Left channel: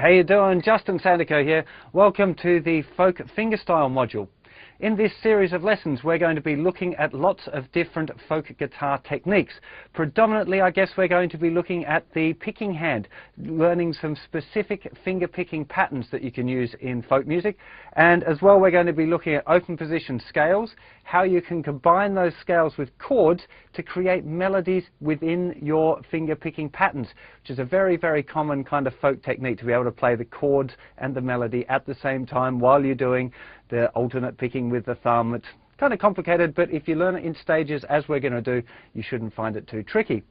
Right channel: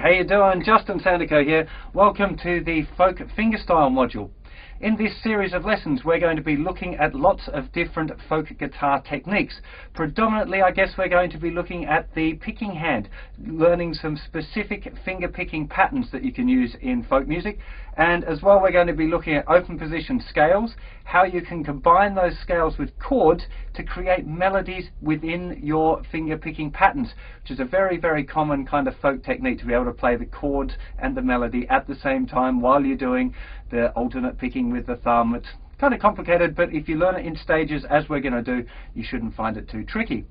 how you doing? Justin Sandico here. Welcome to the Folk Fingerstyle module. In this series of lessons, we're going to be looking at lots of different folk guitar techniques. Predominantly, I guess we're going to be looking at the picking hand, learning some specific finger picking patterns that you can use in folk music. And as well, we're going to be looking at open position scales, how you can combine those scales with chords to create melodies within your finger picking patterns, which is a very, very common kind of folk technique, to be able to play the chords and the melody at the same time while you're doing the alternate picking with the thumb. It's kind of complicated, but if you learn it in stages, as we're going to do, you shouldn't find it too tricky.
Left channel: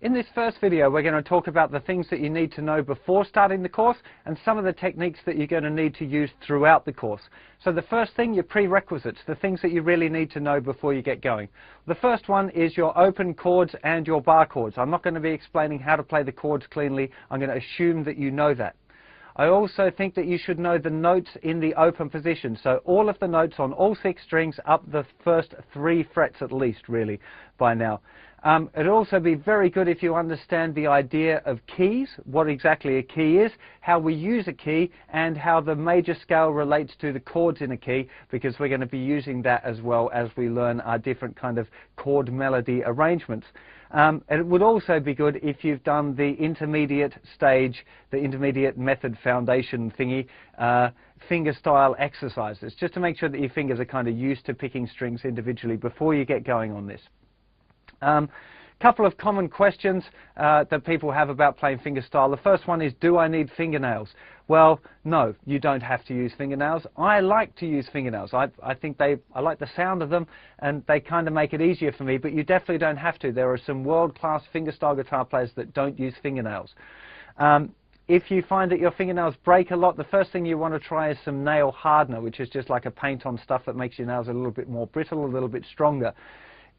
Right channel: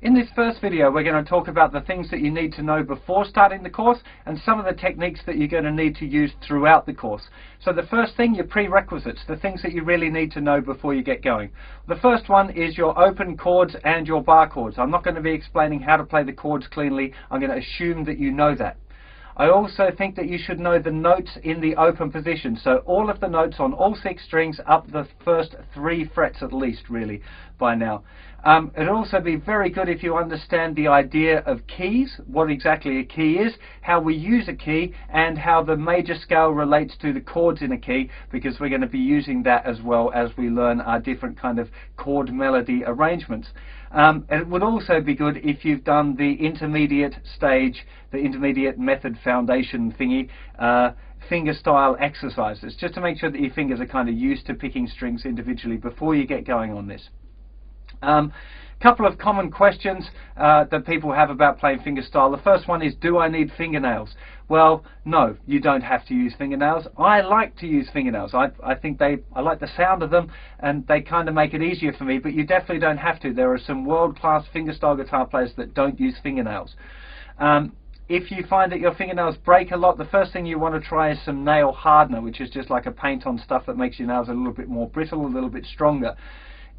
In this first video, we're going to talk about the things that you need to know before starting the course and some of the techniques that you're going to need to use throughout the course. So the first thing, your prerequisites, the things that you really need to know before you get going. The first one is your open chords and your bar chords. I'm not going to be explaining how to play the chords cleanly. I'm going to assume that you know that. I also think that you should know the notes in the open position. So all of the notes on all 6 strings up the first 3 frets at least, really, by now. It'd also be very good if you understand the idea of keys, what exactly a key is, how we use a key, and how the major scale relates to the chords in a key, because we're going to be using that as well as we learn our different kind of chord melody arrangements. It would also be good if you've done the intermediate stage, the intermediate method foundation thingy, fingerstyle exercises, just to make sure that your fingers are kind of used to picking strings individually before you get going on this. Couple of common questions that people have about playing fingerstyle. The first one is, do I need fingernails? Well, no, you don't have to use fingernails. I like to use fingernails. I think I like the sound of them, and they kind of make it easier for me, but you definitely don't have to. There are some world-class fingerstyle guitar players that don't use fingernails. If you find that your fingernails break a lot, the first thing you want to try is some nail hardener, which is just like a paint-on stuff that makes your nails a little bit more brittle, a little bit stronger.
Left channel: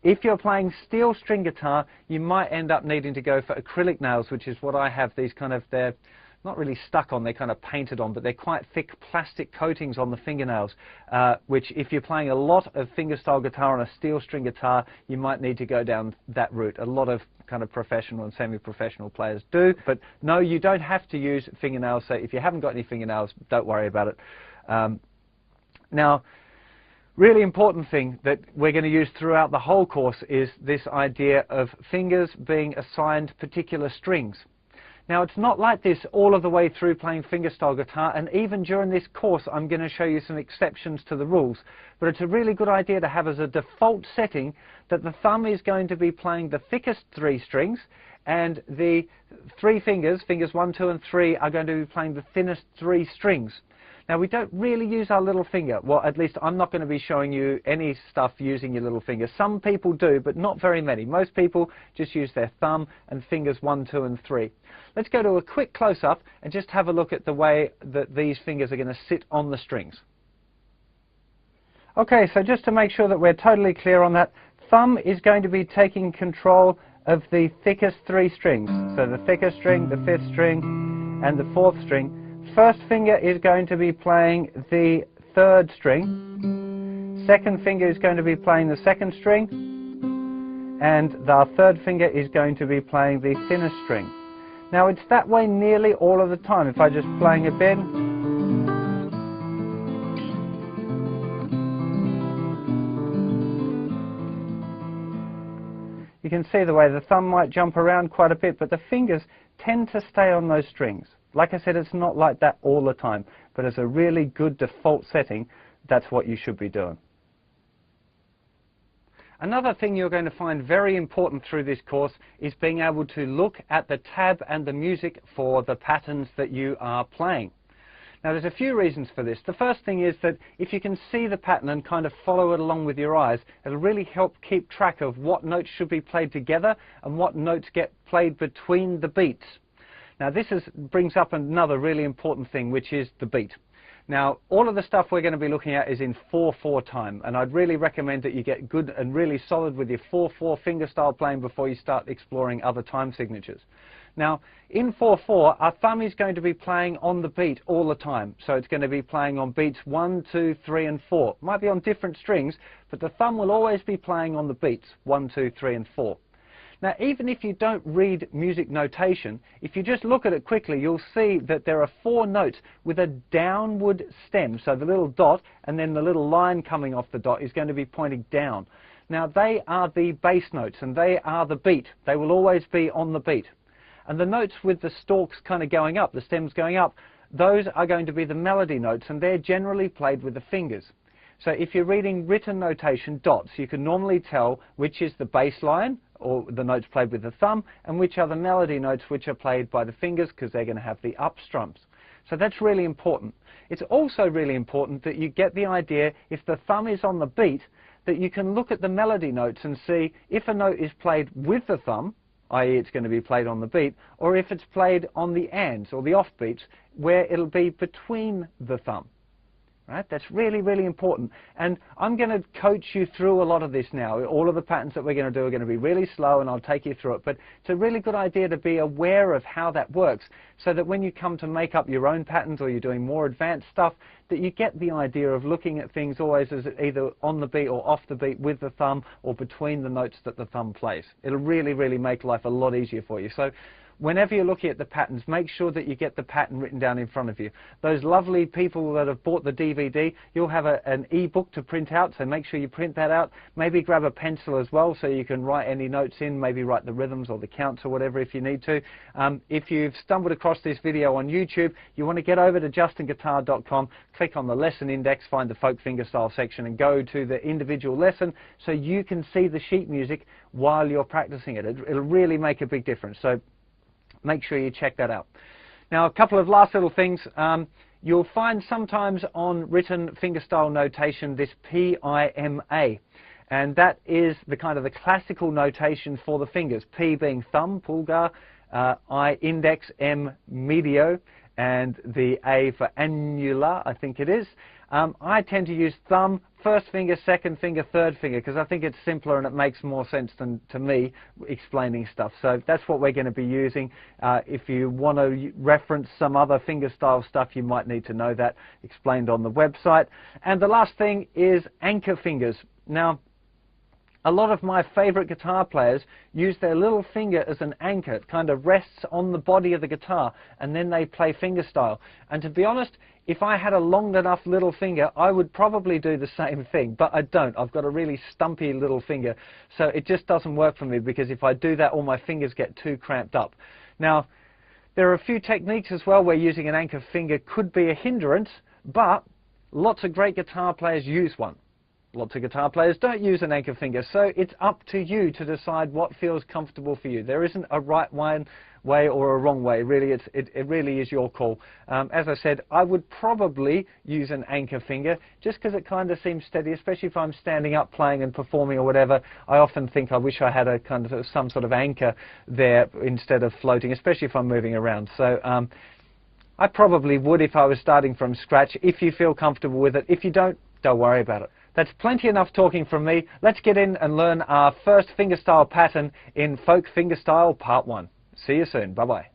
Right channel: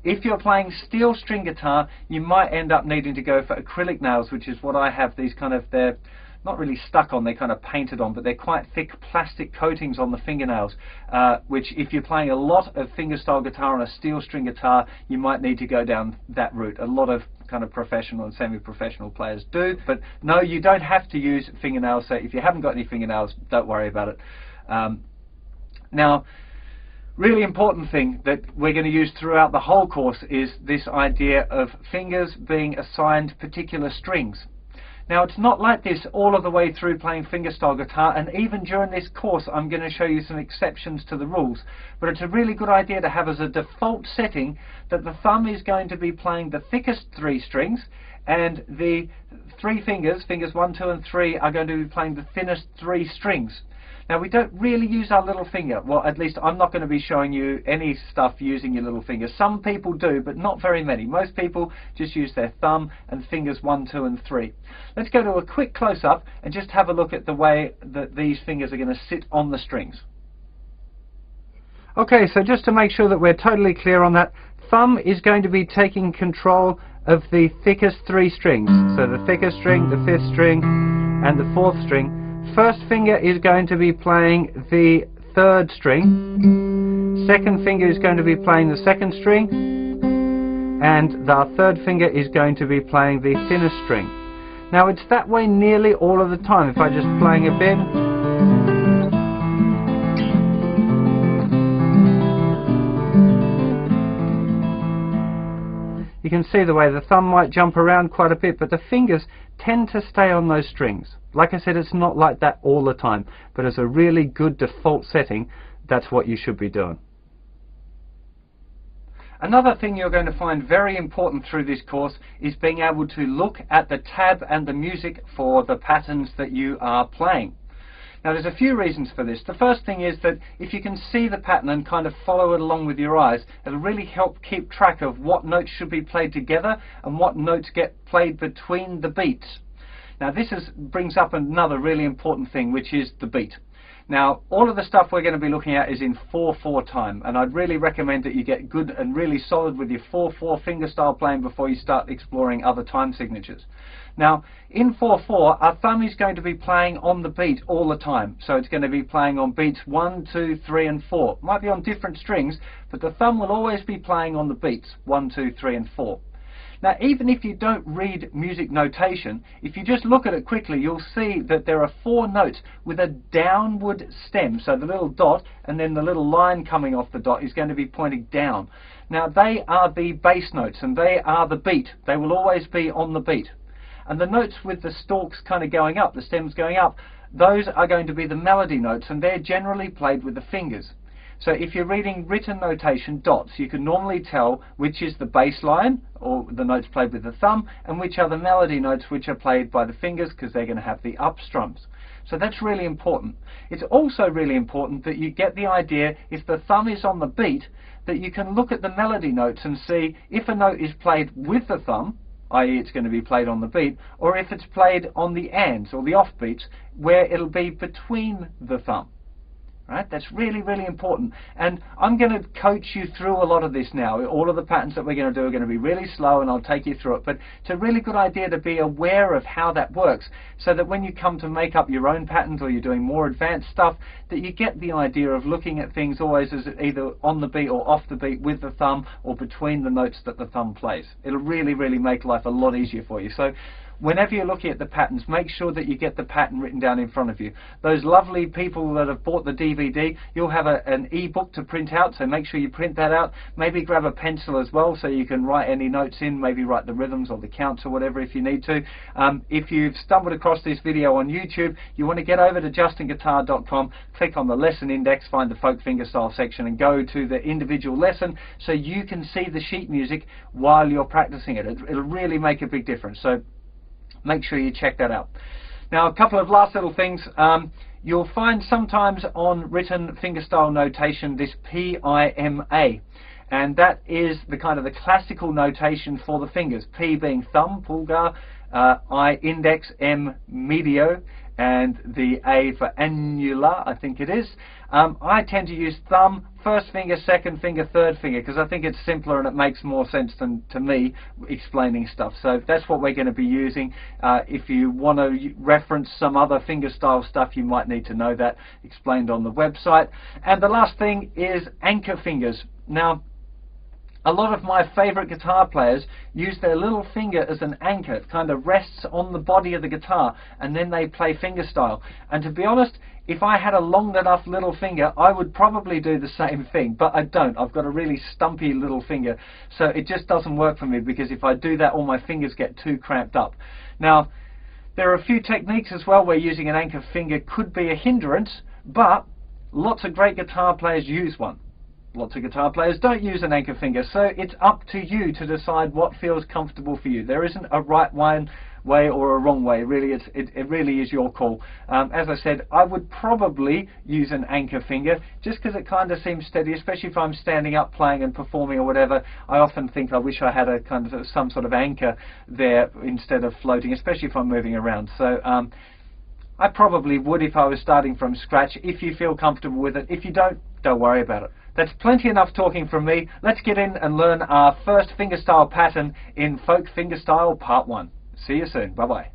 If you're playing steel string guitar, you might end up needing to go for acrylic nails, which is what I have. These kind of, they're not really stuck on, they're kind of painted on, but they're quite thick plastic coatings on the fingernails, which if you're playing a lot of fingerstyle guitar on a steel string guitar, you might need to go down that route. A lot of kind of professional and semi-professional players do, but no, you don't have to use fingernails. So if you haven't got any fingernails, don't worry about it. Now, really important thing that we're going to use throughout the whole course is this idea of fingers being assigned particular strings. Now, it's not like this all of the way through playing fingerstyle guitar, and even during this course I'm going to show you some exceptions to the rules, but it's a really good idea to have as a default setting that the thumb is going to be playing the thickest 3 strings, and the 3 fingers, fingers 1, 2 and 3, are going to be playing the thinnest 3 strings. Now, we don't really use our little finger. Well, at least I'm not going to be showing you any stuff using your little finger. Some people do, but not very many. Most people just use their thumb and fingers 1, 2 and 3. Let's go to a quick close-up and just have a look at the way that these fingers are going to sit on the strings. Okay, so just to make sure that we're totally clear on that, thumb is going to be taking control of the thickest 3 strings. So the thickest string, the 5th string, and the 4th string. First finger is going to be playing the 3rd string, second finger is going to be playing the 2nd string, and the 3rd finger is going to be playing the thinnest string. Now, it's that way nearly all of the time. If I just playing a bit, you can see the way the thumb might jump around quite a bit, but the fingers tend to stay on those strings. Like I said, it's not like that all the time, but as a really good default setting, that's what you should be doing. Another thing you're going to find very important through this course is being able to look at the tab and the music for the patterns that you are playing. Now, there's a few reasons for this. The first thing is that if you can see the pattern and kind of follow it along with your eyes, it'll really help keep track of what notes should be played together and what notes get played between the beats. Now, this brings up another really important thing, which is the beat. Now, all of the stuff we're going to be looking at is in 4/4 time, and I'd really recommend that you get good and really solid with your 4/4 fingerstyle playing before you start exploring other time signatures. Now, in 4/4, our thumb is going to be playing on the beat all the time. So it's going to be playing on beats 1, 2, 3, and 4. It might be on different strings, but the thumb will always be playing on the beats 1, 2, 3, and 4. Now, even if you don't read music notation, if you just look at it quickly, you'll see that there are 4 notes with a downward stem. So the little dot and then the little line coming off the dot is going to be pointing down. Now, they are the bass notes and they are the beat. They will always be on the beat. And the notes with the stalks kind of going up, the stems going up, those are going to be the melody notes, and they're generally played with the fingers. So if you're reading written notation, dots, you can normally tell which is the bass line, or the notes played with the thumb, and which are the melody notes which are played by the fingers, because they're going to have the up strums. So that's really important. It's also really important that you get the idea, if the thumb is on the beat, that you can look at the melody notes and see if a note is played with the thumb, i.e. it's going to be played on the beat, or if it's played on the ands or the off beats, where it'll be between the thumb. Right? That's really, really important. And I'm going to coach you through a lot of this now. All of the patterns that we're going to do are going to be really slow, and I'll take you through it. But it's a really good idea to be aware of how that works, so that when you come to make up your own patterns or you're doing more advanced stuff, that you get the idea of looking at things always as either on the beat or off the beat with the thumb, or between the notes that the thumb plays. It'll really, really make life a lot easier for you. So whenever you're looking at the patterns, make sure that you get the pattern written down in front of you. Those lovely people that have bought the DVD, you'll have an e-book to print out, so make sure you print that out. Maybe grab a pencil as well, so you can write any notes in, maybe write the rhythms or the counts or whatever if you need to. If you've stumbled across this video on YouTube, you want to get over to justinguitar.com, click on the lesson index, find the folk fingerstyle section, and go to the individual lesson so you can see the sheet music while you're practicing it. It'll really make a big difference. So make sure you check that out. Now, a couple of last little things. You'll find sometimes on written fingerstyle notation this P-I-M-A, and that is the kind of the classical notation for the fingers. P being thumb, pulgar, I index, M medio, and the A for annular, I think it is. I tend to use thumb, first finger, second finger, third finger, because I think it's simpler and it makes more sense than to me explaining stuff. So that's what we're going to be using. If you want to reference some other fingerstyle stuff, you might need to know that explained on the website. And the last thing is anchor fingers. Now, a lot of my favorite guitar players use their little finger as an anchor. It kind of rests on the body of the guitar, and then they play fingerstyle. And to be honest, if I had a long enough little finger, I would probably do the same thing, but I don't. I've got a really stumpy little finger, so it just doesn't work for me, because if I do that, all my fingers get too cramped up. Now, there are a few techniques as well where using an anchor finger could be a hindrance, but lots of great guitar players use one. Lots of guitar players don't use an anchor finger, so it's up to you to decide what feels comfortable for you. There isn't a right way or a wrong way. Really, it really is your call. As I said, I would probably use an anchor finger just because it kind of seems steady, especially if I'm standing up playing and performing or whatever. I often think I wish I had a kind of some sort of anchor there instead of floating, especially if I'm moving around. So I probably would if I was starting from scratch, if you feel comfortable with it. If you don't worry about it. That's plenty enough talking from me. Let's get in and learn our first fingerstyle pattern in Folk Fingerstyle Part 1. See you soon. Bye-bye.